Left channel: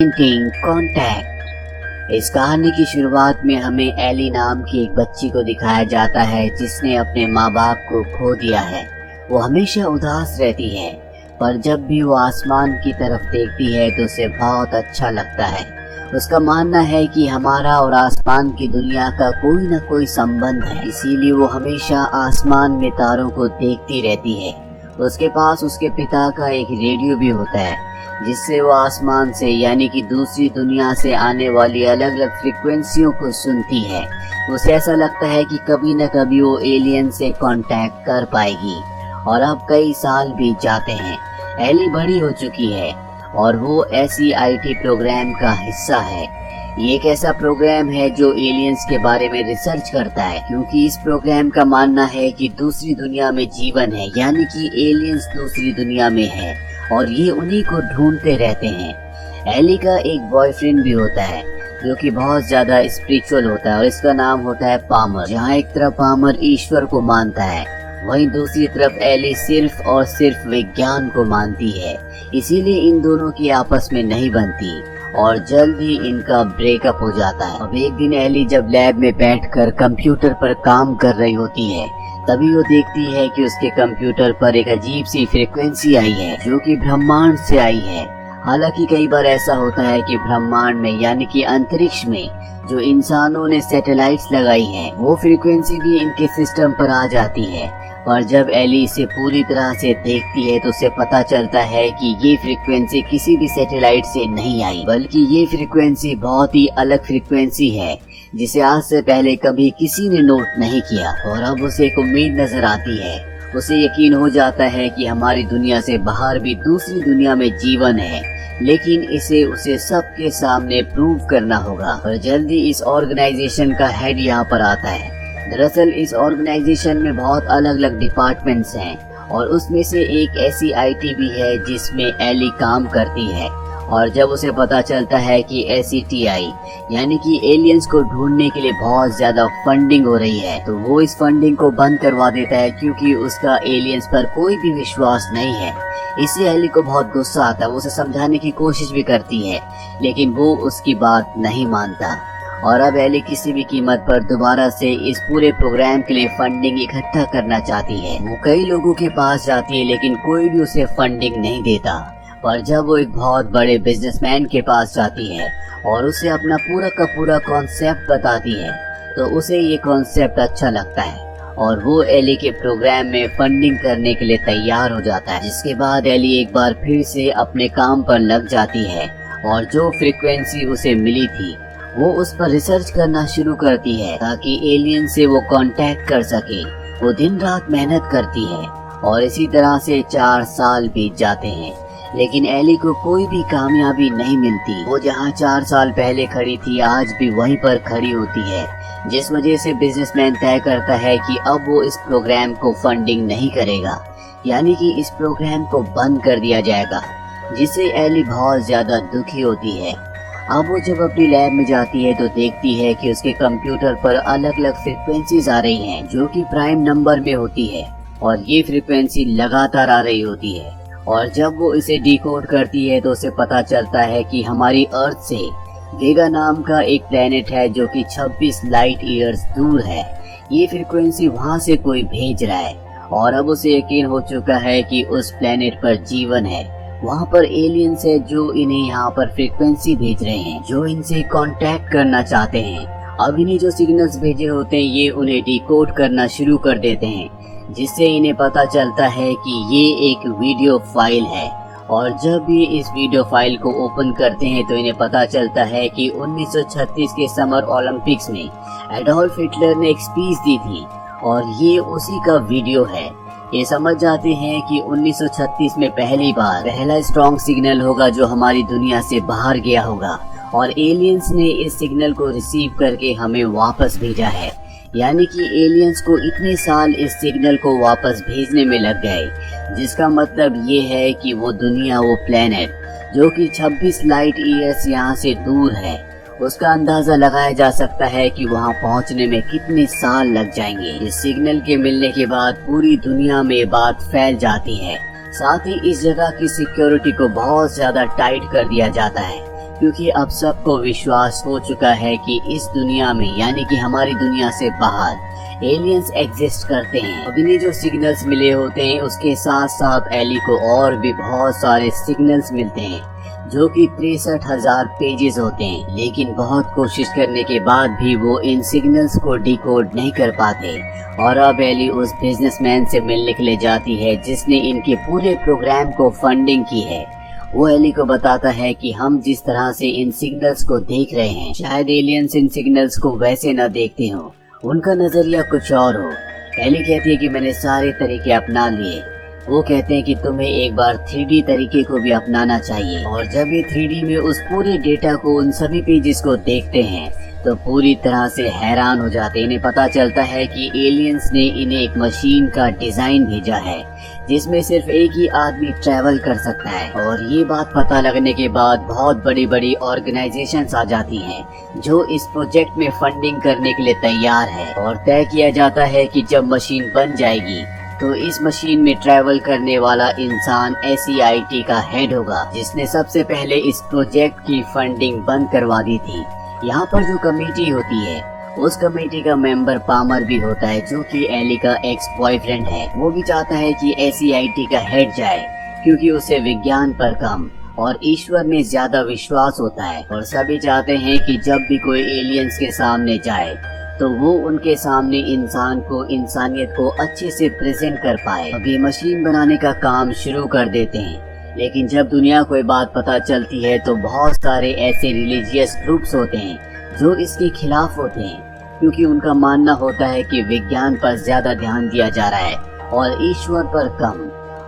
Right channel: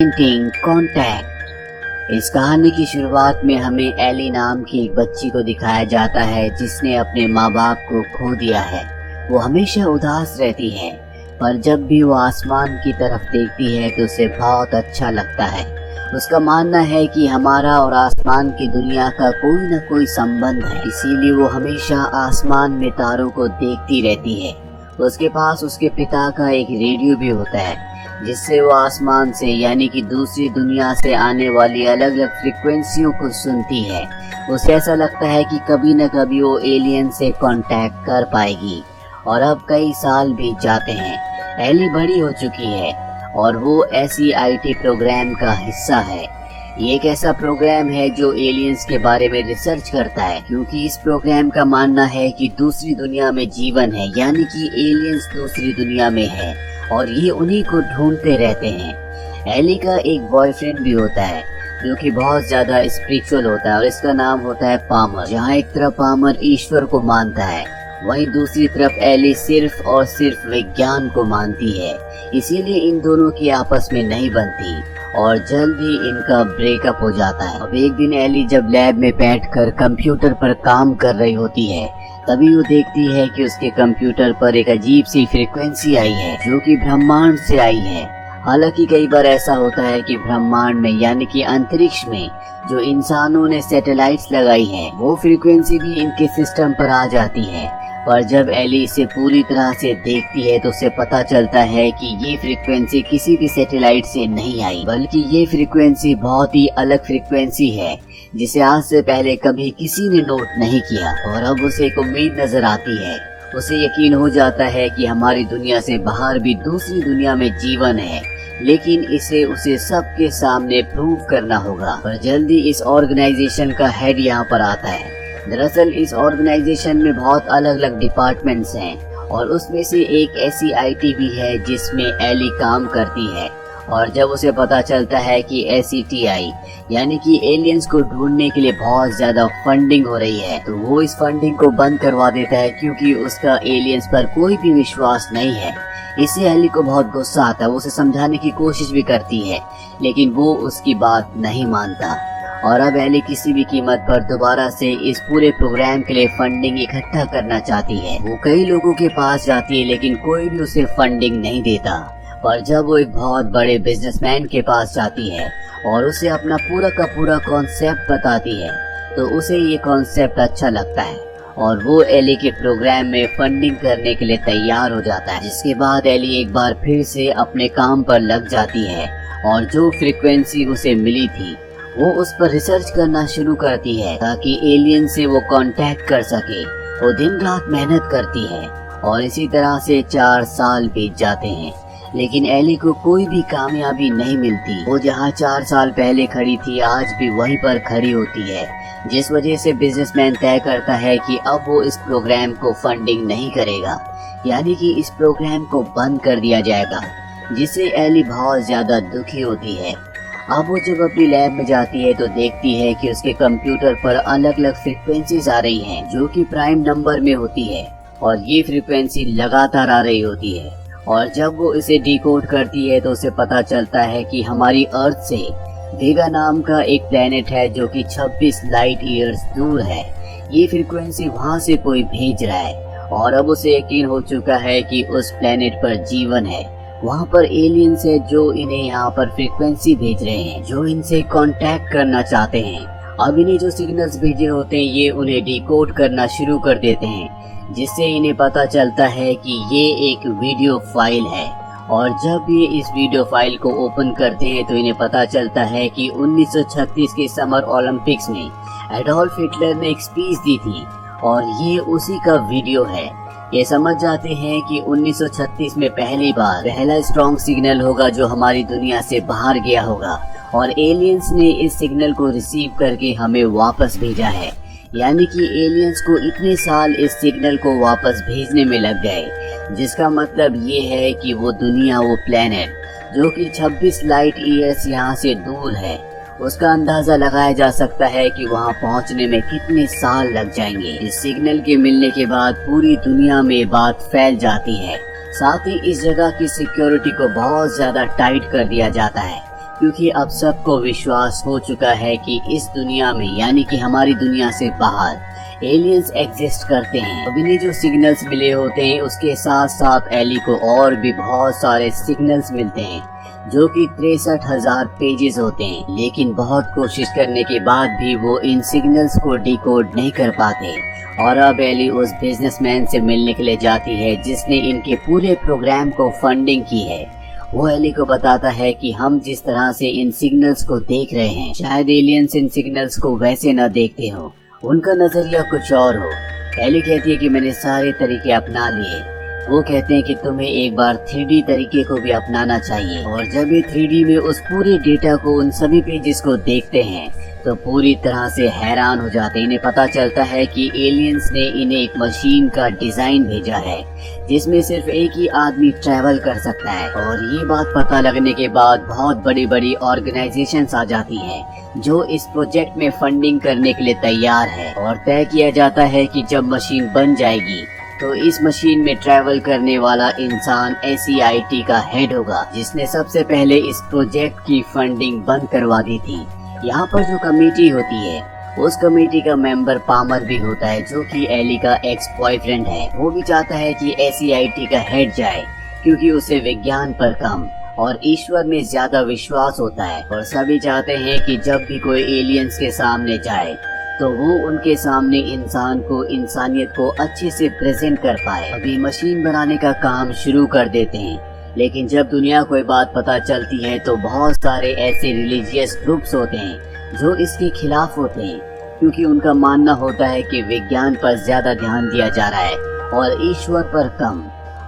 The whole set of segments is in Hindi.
Painting contact. इस कहानी की शुरुआत में हमें एली नाम की एक बच्ची को दिखाया जाता है जिसने अपने माँ बाप को खो दिया है। वो हमेशा उदास रहती है, पर जब भी वो आसमान की तरफ देखती है तो उसे बहुत अच्छा लगता है। उसका मानना है कि हमारा और आसमान की दुनिया का कोई न कोई संबंध है, इसीलिए वो हमेशा आसमान में तारों को देखती रहती है। उसके पास उसके पिता का एक रेडियो भी होता है जिससे वो आसमान से यानी कि दूसरी दुनिया से आने वाली अलग अलग फ्रिक्वेंसियों को सुनती है। उसे ऐसा लगता है कि कभी न कभी वो एलियन से कांटेक्ट कर पाएगी। और अब कई साल बीत जाते हैं। एली बड़ी हो चुकी है और वो SEIT प्रोग्राम का हिस्सा है। ये एक ऐसा प्रोग्राम है जो एलियंस के बारे में रिसर्च करता है, क्योंकि इस प्रोग्राम का मानना है कि दूसरी दुनिया में जीवन है, यानी कि एलियंस दूसरी दुनिया में है और ये उन्हीं को ढूंढते रहते हैं। एली का एक बॉयफ्रेंड भी होता है जो कि बहुत ज्यादा स्पिरिचुअल होता है और इसका नाम होता है पामर। जहाँ एक तरफ पामर ईश्वर को मानता है, वहीं दूसरी तरफ एली सिर्फ और सिर्फ विज्ञान को मानती है। इसीलिए इन दोनों की आपस में नहीं बनती और जल्द ही इनका ब्रेकअप हो जाता है। अब एक दिन एली जब लैब में बैठकर कंप्यूटर पर काम कर रही होती है, तभी वो देखती है कि उसके कंप्यूटर पर एक अजीब सी फ्रीक्वेंसी आई है जो कि ब्रह्मांड से आई है। हालांकि कई बार ऐसा होता है कि ब्रह्मांड में यानी कि अंतरिक्ष में जो इंसानों ने सैटेलाइट्स लगाई है, वो फ्रीक्वेंसी भी इनके सिस्टम पर आ जाती है। और जब एली इसे पूरी तरह से देखती है तो उसे पता चलता है कि ये फ्रीक्वेंसी किसी भी सैटेलाइट से नहीं आई, बल्कि ये फ्रीक्वेंसी बहुत ही अलग फ्रीक्वेंसी है जिसे आज से पहले कभी किसी ने नोट नहीं किया। और अब उसे एक उम्मीद नजर आती है। उसे यकीन हो जाता है कि हमारी दुनिया से बाहर भी दूसरी दुनिया में जीवन है, लेकिन उसे सबके सामने प्रूव करना होगा। और जल्दी इस ऑर्गेनाइजेशन का हेड यहाँ पर आता है। दरअसल इस ऑर्गेनाइजेशन में बहुत अलग अलग डिपार्टमेंट्स हैं और उसमें से एक SEIT भी है जिसमें एली काम करती है। और जब उसे पता चलता है कि SETI यानी कि एलियंस को ढूंढने के लिए बहुत ज्यादा फंडिंग हो रही है, तो वो इस फंडिंग को बंद करवा देता है, क्योंकि उसका एलियंस पर कोई भी विश्वास नहीं है। इससे एली को बहुत गुस्सा आता है। वो उसे समझाने की कोशिश भी करती है, लेकिन वो उसकी बात नहीं मानता। और अब एली किसी भी कीमत पर दोबारा से इस पूरे प्रोग्राम के लिए फंडिंग इकट्ठा करना चाहती है। वो कई लोगों के पास जाती है, लेकिन कोई भी उसे फंडिंग नहीं देता। पर जब वो एक बहुत बड़े बिजनेसमैन के पास जाती है और उसे अपना पूरा का पूरा कॉन्सेप्ट बताती है, तो उसे ये कॉन्सेप्ट अच्छा लगता है और वो एली के प्रोग्राम में फंडिंग करने के लिए तैयार हो जाता है। जिसके बाद एली एक बार फिर से अपने काम पर लग जाती है और जो फ्रीक्वेंसी उसे मिली थी वो उस पर रिसर्च करना शुरू करती है ताकि एलियन से वो कांटेक्ट कर सके। वो दिन रात मेहनत करती है और इसी तरह से 4 साल बीत जाते हैं, लेकिन एली को कोई भी कामयाबी नहीं मिलती। वो जहाँ 4 साल पहले खड़ी थी, आज भी वहीं पर खड़ी होती है, जिस वजह से बिजनेसमैन तय करता है कि अब वो इस प्रोग्राम को फंडिंग नहीं करेगा, यानी कि इस प्रोग्राम को बंद कर दिया जाएगा, जिससे एली बहुत ज्यादा दुखी होती है। अब वो जब अपनी लैब में जाती है तो देखती है कि उसके कंप्यूटर पर अलग अलग फ्रीक्वेंसीज आ रही हैं जो कि प्राइम नंबर में होती है और ये फ्रीक्वेंसी लगातार आ रही होती है। और जब वो इसे डिकोड करती है तो उसे पता चलता है कि हमारी अर्थ से वेगा नाम का एक प्लेनेट है जो कि 26 लाइट ईयर्स दूर है। ये फ्रीक्वेंसी वहाँ से कोई भेज रहा है और अब उसे यकीन हो चुका है कि उस प्लेनेट पर जीवन है। वहाँ पर एलियंस है जो इन्हें यहाँ पर फ्रीक्वेंसी भेज रहे हैं, जो इनसे कांटेक्ट करना चाहते हैं। अब इन्हें जो सिग्नल्स भेजे होते हैं ये उन्हें डिकोड करना शुरू कर देते हैं, जिससे इन्हें पता चलता है कि ये एक वीडियो फाइल है। और जब ये इस वीडियो फाइल को ओपन करते हैं तो इन्हें पता चलता है कि 1936 के समर ओलंपिक्स में एडोल्फ हिटलर ने एक स्पीच दी थी और ये उसी का वीडियो है। ये समझ जाते हैं कि 1936 में पहली बार पहला स्ट्रॉन्ग सिग्नल होगा जो हमारी दुनिया से बाहर गया होगा और एलियंस ने इस सिग्नल को रिसीव करके हमें वापस भेजा है। यानी कि एलियंस को इतने साल इस सिग्नल को वापस भेजने में लग गए, जिसका मतलब ये है कि वो दुनिया, वो प्लेनेट जो कि 26 लाइट ईयर्स यहाँ से दूर है, उसका अंदाजा लगाया जा सकता है कि वहां पहुंचने में कितने साल लग जाएंगे। इस सिग्नल के मिलने के बाद पूरी दुनिया में बात फैल जाती है। साथ ही इस जगह की सिक्योरिटी को बहुत ज्यादा टाइट कर दिया जाता है, क्योंकि अब सबको विश्वास हो चुका है कि इस दुनिया में यानी कि हमारी दुनिया से बाहर एलियंस एग्जिस्ट करते हैं। अब इन्हें जो सिग्नल्स मिले होते हैं उसके साथ साथ एली को और भी बहुत सारे सिग्नल्स मिलते हैं जो कि 63,000 पेजेस होते हैं, लेकिन बहुत कोशिश करने के बाद भी वो इन सिग्नल्स को डिकोड नहीं कर पाते। और अब एली उस बिजनेसमैन से मिलने के लिए जाती है जिसने इनके पूरे प्रोग्राम को फंडिंग की है। वो एली को बताता है कि हम जिस तरह से इन सिग्नल्स को देख रहे हैं शायद एलियंस इन सिग्नल्स को वैसे न देखते हो, उनका नजरिया कुछ और हो। एली कहती है कि मैंने सारे तरीके अपना लिए। वो कहते हैं कि तुम्हें एक बार 3D तरीके को भी अपनाना चाहिए। और जब ये 3D में उस पूरे डेटा को उन सभी पेजेस को देखते हैं तो पूरी तरह से हैरान हो जाते हैं। इन्हें पता चलता है कि एलियंस ने इन्हें एक मशीन का डिजाइन भेजा है जिसमें सिर्फ एक ही आदमी ट्रैवल कर सकता है। और ये बात पता लगने के बाद बहुत बड़ी बड़ी ऑर्गेनाइजेशंस आ जाती हैं जो इस प्रोजेक्ट में फंडिंग करने के लिए तैयार है। और तय किया जाता है कि जब मशीन बन जाएगी तो इस मशीन में ट्रैवल करने वाला इंसान SEIT का हेड होगा जिसने सबसे पहले इस प्रोजेक्ट की फंडिंग बंद करवा दी थी। यहाँ पर जो कमेटी होती है उस कमेटी का मेंबर पामर भी होता है जो कि एली का एक्स बॉयफ्रेंड है। वो भी चाहता है कि SEIT का हेड जाए क्योंकि उसे विज्ञान पर कम और ईश्वर में ज्यादा विश्वास होता है। और सभी चाहते हैं कि जब भी कोई एलियंस के सामने जाए तो वो उनके सामने इंसान को इंसानियत को अच्छे से प्रेजेंट कर पाए। अभी मशीन बनाने का काम शुरू कर देते हैं, लेकिन जब दुनिया को ये बात पता चलती है तो बहुत सारे ऐसे रिलीजियस ग्रुप्स होते हैं जो इसके खिलाफ होते हैं क्योंकि उनका मानना होता है कि विज्ञान पर ज्यादा ध्यान दिया जा रहा है और ईश्वर पर कम।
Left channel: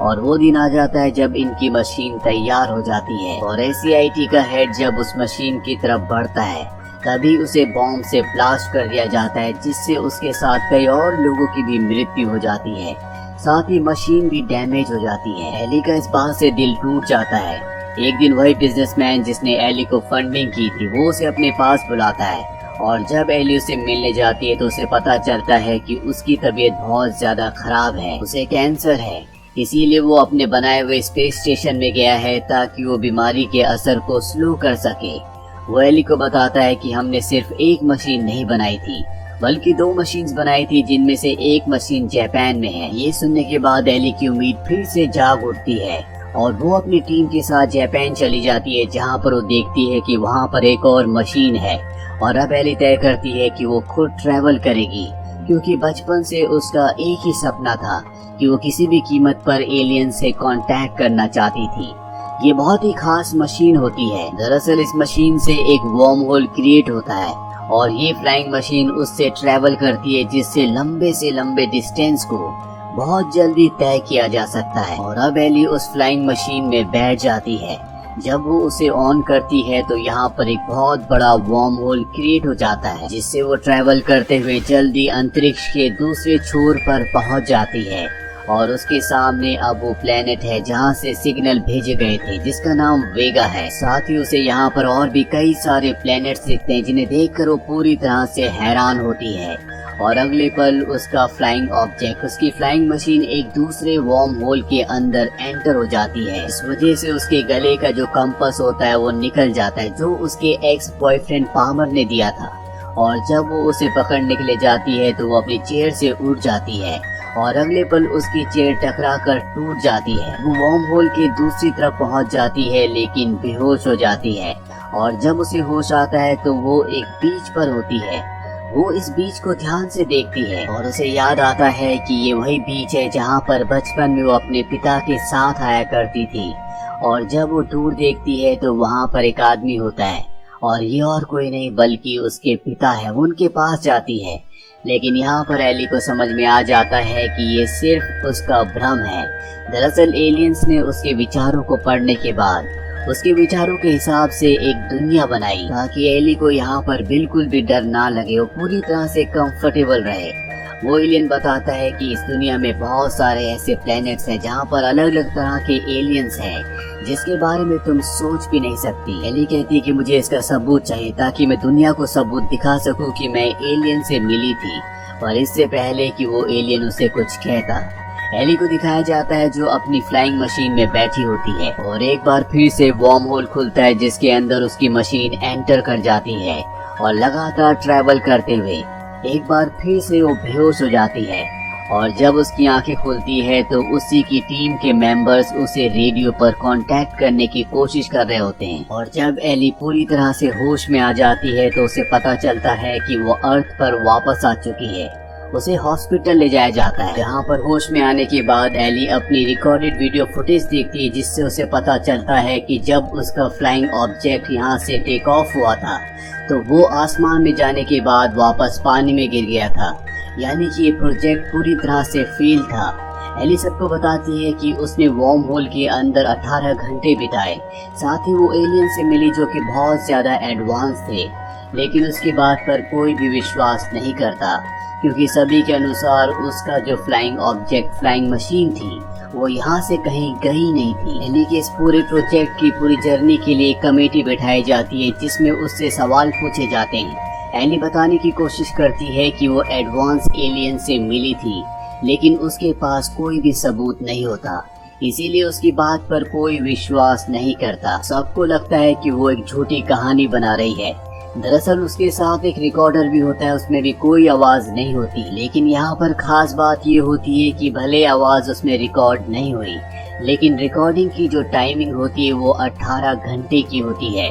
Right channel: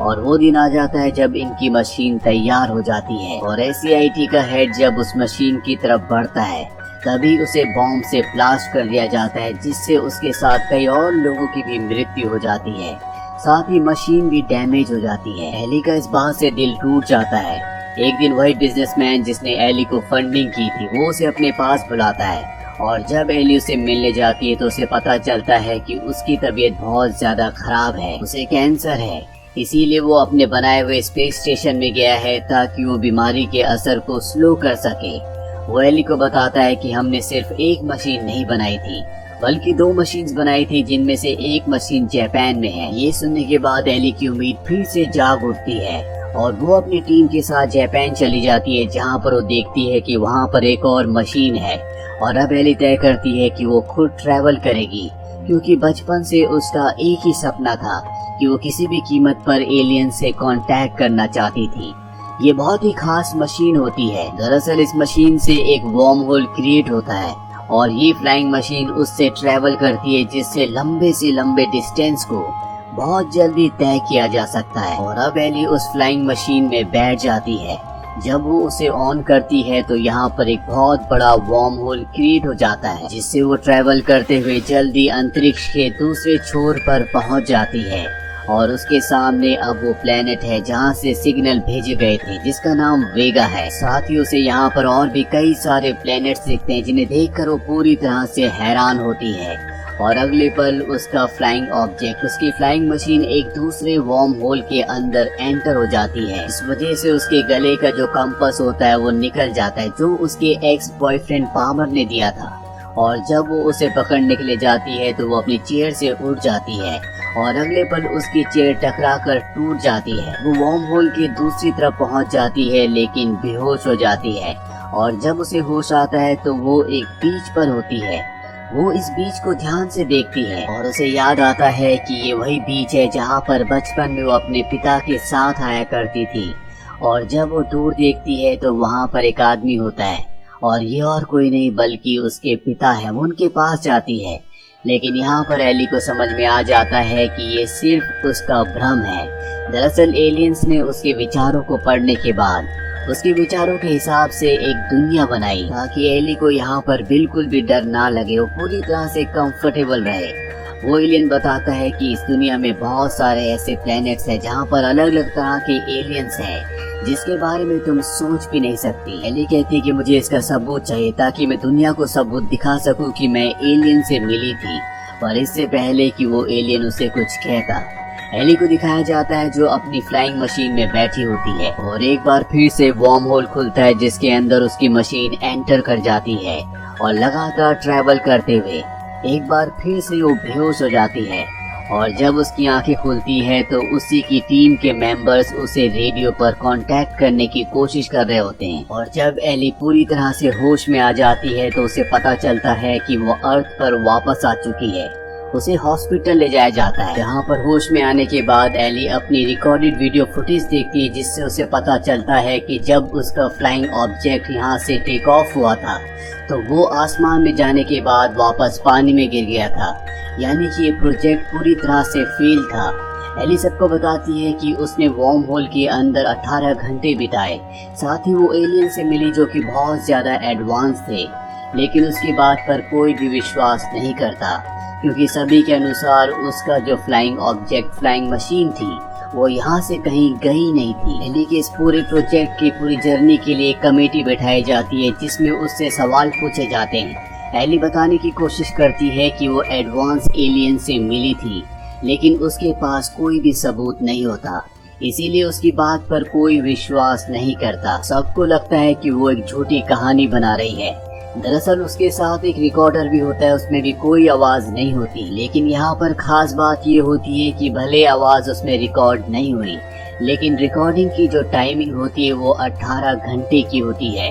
और वो दिन आ जाता है जब इनकी मशीन तैयार हो जाती है और SEIT का हेड जब उस मशीन की तरफ बढ़ता है तभी उसे बॉम्ब से ब्लास्ट कर दिया जाता है जिससे उसके साथ कई और लोगों की भी मृत्यु हो जाती है। साथ ही मशीन भी डैमेज हो जाती है। एली का इस बात से दिल टूट जाता है। एक दिन वही बिजनेसमैन जिसने एली को फंडिंग की थी वो उसे अपने पास बुलाता है और जब एली उसे मिलने जाती है तो उसे पता चलता है कि उसकी तबीयत बहुत ज्यादा खराब है, उसे कैंसर है। इसीलिए वो अपने बनाए हुए स्पेस स्टेशन में गया है ताकि वो बीमारी के असर को स्लो कर सके। वो एली को बताता है कि हमने सिर्फ एक मशीन नहीं बनाई थी बल्कि 2 मशीन्स बनाई थी जिनमें से एक मशीन जापान में है। ये सुनने के बाद एली की उम्मीद फिर से जाग उठती है और वो अपनी टीम के साथ जापान चली जाती है जहाँ पर वो देखती है कि वहाँ पर एक और मशीन है। और अब एली तय करती है कि वो खुद ट्रैवल करेगी क्योंकि बचपन से उसका एक ही सपना था कि वो किसी भी कीमत पर एलियन से कांटेक्ट करना चाहती थी। ये बहुत ही खास मशीन होती है। दरअसल इस मशीन से एक वर्म होल क्रिएट होता है और ये फ्लाइंग मशीन उससे ट्रैवल करती है जिससे लंबे से लंबे डिस्टेंस को बहुत जल्दी तय किया जा सकता है। और अब एली उस फ्लाइंग मशीन में बैठ जाती है। जब वो उसे ऑन करती है तो यहाँ पर एक बहुत बड़ा वर्म होल क्रिएट हो जाता है जिससे वो ट्रैवल करते हुए जल्दी अंतरिक्ष के दूसरे छोर पर पहुँच जाती है। और उसके सामने अब वो प्लेनेट है जहाँ से सिग्नल भेजे गए थे जिसका नाम वेगा है। साथ ही उसे यहाँ पर और भी कई सारे प्लेनेट्स दिखते हैं जिन्हें देखकर वो पूरी तरह से हैरान होती है। और अगले पल उसका फ्लाइंग ऑब्जेक्ट, उसकी फ्लाइंग मशीन एक दूसरे वर्म होल के अंदर एंटर हो जाती है। इस वजह से उसके गले का जो कंपास होता है वो निकल जाता है जो उसके एक्स बॉयफ्रेंड पामर ने दिया था। और जब वो उसे पकड़ने के लिए जाती है तो वो अपनी चेयर से उठ जाती है और अगले पल उसकी चेयर टकराकर टूट जाती है। वो वर्म होल की दूसरी तरफ पहुंच जाती है लेकिन बेहोश हो जाती है। और जब उसे होश आता है तो वो एक बीच पर होती है। वो इस बीच को ध्यान से देखती है और उसे याद आता है कि ये वही बीच है जहाँ पर बचपन में वो अपने पिता के साथ आया करती थी। और जब वो दूर देखती है तो वहाँ पर एक आदमी होता है और ये और कोई नहीं बल्कि उसके पिता है। वो उनके पास जाती है लेकिन यहाँ पर एली को समझ में आ जाता है कि ये सिर्फ उसका भ्रम है। दरअसल एलियंस ने उसके विचारों को पढ़ने के बाद उसके विचारों के हिसाब से एक दुनिया बनाई ताकि एली को यहाँ पर बिल्कुल भी डर ना लगे, वो पूरी तरह से कंफर्टेबल रहे। वो एलियन बताता है कि इस दुनिया में बहुत सारे ऐसे प्लैनेट्स हैं जहाँ पर अलग अलग तरह के एलियंस हैं जिसके बारे में तुम सोच भी नहीं सकती। एली कहती है कि मुझे इसका सबूत चाहिए ताकि मैं दुनिया को सबूत दिखा सकूं कि मैं एलियन से मिली थी और इससे पहले कि वो एलियन उसे कुछ कहता। एली को दिखाया जाता है जो अपनी फ्लाइंग मशीन में बैठी होती है और एक बार फिर से वर्म होल खुलता है जिसके अंदर उसकी मशीन एंटर कर जाती है और लगातार ट्रैवल करते हुए एक बार फिर से वो बेहोश हो जाती है। और जब उसकी आंखें खुलती है तो उसी की टीम के मेंबर्स उसे रेडियो पर कांटेक्ट करने की कोशिश कर रहे होते हैं। और जब एली पूरी तरह से होश में आ जाती है तो उसे पता चलता है कि वो अर्थ पर वापस आ चुकी है। उसे हॉस्पिटल ले जाया जाता है जहाँ पर होश में आने के बाद एली अपनी रिकॉर्डेड वीडियो फुटेज देखती है जिससे उसे पता चलता है कि जब उसका फ्लाइंग ऑब्जेक्ट यहाँ से टेक ऑफ हुआ था तो वो आसमान में जाने के बाद वापस पानी में गिर गया था, यानी कि ये प्रोजेक्ट पूरी तरह से फेल था। एली सबको बताती है कि उसने वर्म होल के अंदर 18 घंटे बिताए, साथ ही वो एलियन से मिली जो कि बहुत ज्यादा एडवांस थे, लेकिन उसकी बात पर कोई भी विश्वास नहीं करता क्योंकि सभी के अनुसार उसका जो फ्लाइंग ऑब्जेक्ट फ्लाइंग मशीन थी वो यहाँ से कहीं गई नहीं थी। एली के इस पूरे प्रोजेक्ट की पूरी जर्नी के लिए कमेटी बैठाई जाती है जिसमें उससे सवाल पूछे जाते हैं। एली बताने की कोशिश करती है कि वो एडवांस एलियन से मिली थी, लेकिन उसके पास कोई भी सबूत नहीं होता, इसीलिए उसकी बात पर कोई विश्वास नहीं करता। सबको लगता है कि वो एक झूठी कहानी बना रही है। दरअसल उसके साथ एक रिकॉर्डर भी होता है, उसमें भी कोई आवाज नहीं होती, लेकिन यहाँ पर खास बात ये होती है कि भले आवाज उसमें रिकॉर्ड नहीं हुई, लेकिन रिकॉर्डिंग की जो टाइमिंग होती है वो 18 घंटे की होती है,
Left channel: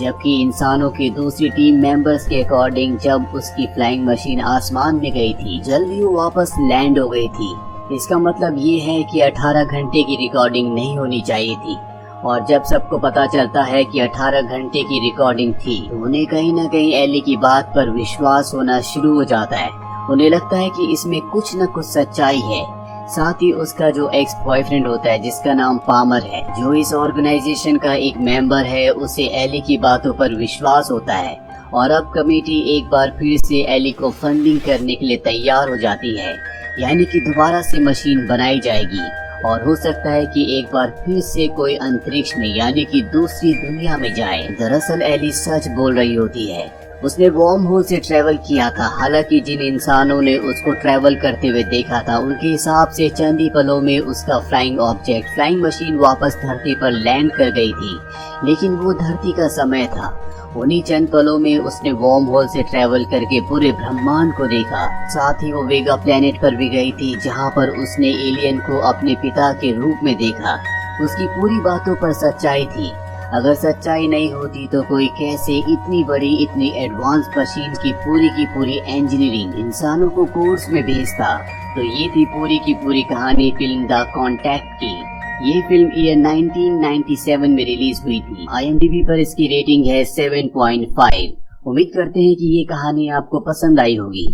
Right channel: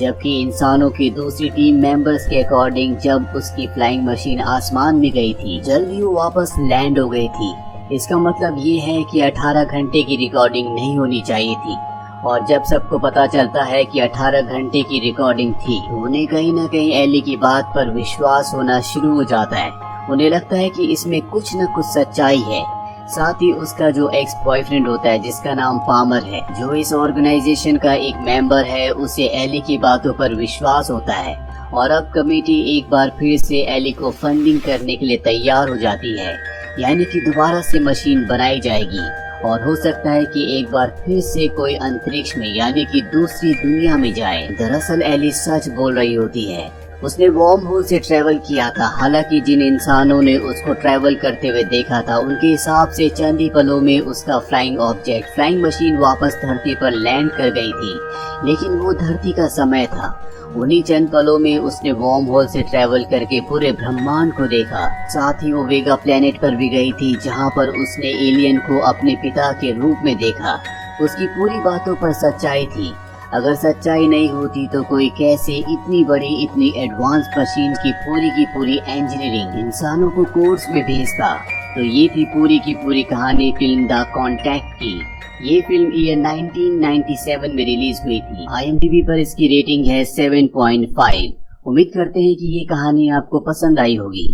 जबकि इंसानों की दूसरी टीम मेंबर्स के अकॉर्डिंग जब उसकी फ्लाइंग मशीन आसमान में गई थी जल्दी वो वापस लैंड हो गई थी। इसका मतलब ये है कि 18 घंटे की रिकॉर्डिंग नहीं होनी चाहिए थी। और जब सबको पता चलता है कि 18 घंटे की रिकॉर्डिंग थी, उन्हें कहीं न कहीं एली की बात पर विश्वास होना शुरू हो जाता है। उन्हें लगता है कि इसमें कुछ न कुछ सच्चाई है। साथ ही उसका जो एक्स बॉयफ्रेंड होता है जिसका नाम पामर है, जो इस ऑर्गेनाइजेशन का एक मेंबर है, उसे एली की बातों पर विश्वास होता है और अब कमेटी एक बार फिर से एली को फंडिंग करने के लिए तैयार हो जाती है, यानी कि दोबारा से मशीन बनाई जाएगी और हो सकता है कि एक बार फिर से कोई अंतरिक्ष में यानी कि दूसरी दुनिया में जाए। दरअसल एली सच बोल रही होती है, उसने वर्म होल से ट्रेवल किया था। हालांकि जिन इंसानों ने उसको ट्रेवल करते हुए देखा था उनके हिसाब से चंद ही पलों में उसका फ्लाइंग ऑब्जेक्ट फ्लाइंग मशीन वापस धरती पर लैंड कर गई थी, लेकिन वो धरती का समय था। उन्हीं चंद पलों में उसने वर्म होल से ट्रेवल करके पूरे ब्रह्मांड को देखा। साथ ही वो वेगा प्लेनेट पर भी गई थी जहाँ पर उसने एलियन को अपने पिता के रूप में देखा। उसकी पूरी बातों पर सच्चाई थी। अगर सच्चाई नहीं होती तो कोई कैसे इतनी बड़ी इतनी एडवांस मशीन की पूरी इंजीनियरिंग इंसानों को कोर्स में भेजता। तो ये थी पूरी की पूरी कहानी फिल्म द कॉन्टैक्ट की। ये फिल्म ईयर 1997 में रिलीज हुई थी। IMDb पर इसकी रेटिंग है 7.5। उम्मीद करते हैं कि ये कहानी आपको पसंद आई होगी।